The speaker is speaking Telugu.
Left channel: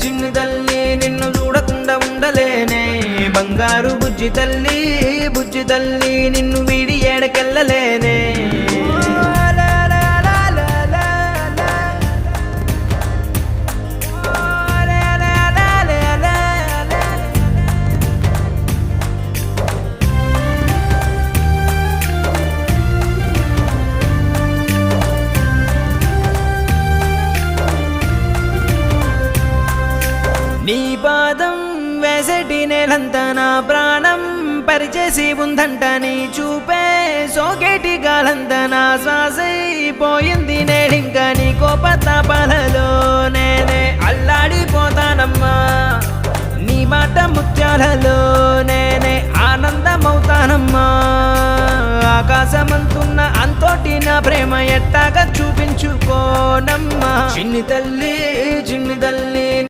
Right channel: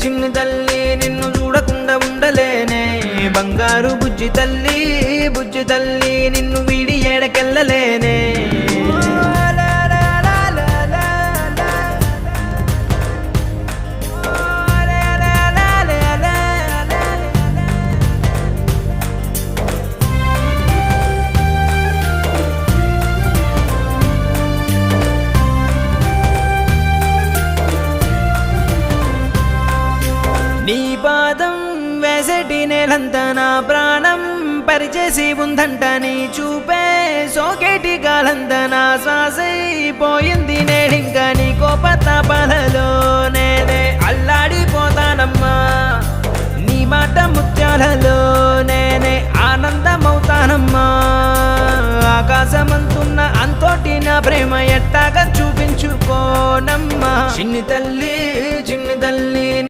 చిన్ని తల్లి నిన్ను చూడకుండా ఉండలేనే బంగారు బుజ్జి తల్లి నిన్ను వీడి ఏడకెళ్ళలేనే నీ పాదం వేసటి నేలంతా నా ప్రాణం పరిచేసి ఉందంట నీ చూపే సోకేటి గాలంతా నా శ్వాసైపోయింది నేడింకా నీ కోపతాపాలలో నేనే అల్లాడిపోతానమ్మా నీ మాట ముత్యాలలో నేనే ఆనందమవుతానమ్మా ఆకాశమంతున్న అంతోటి నా ప్రేమ ఎట్టాగా చూపించుకోనమ్మా చిన్ని తల్లి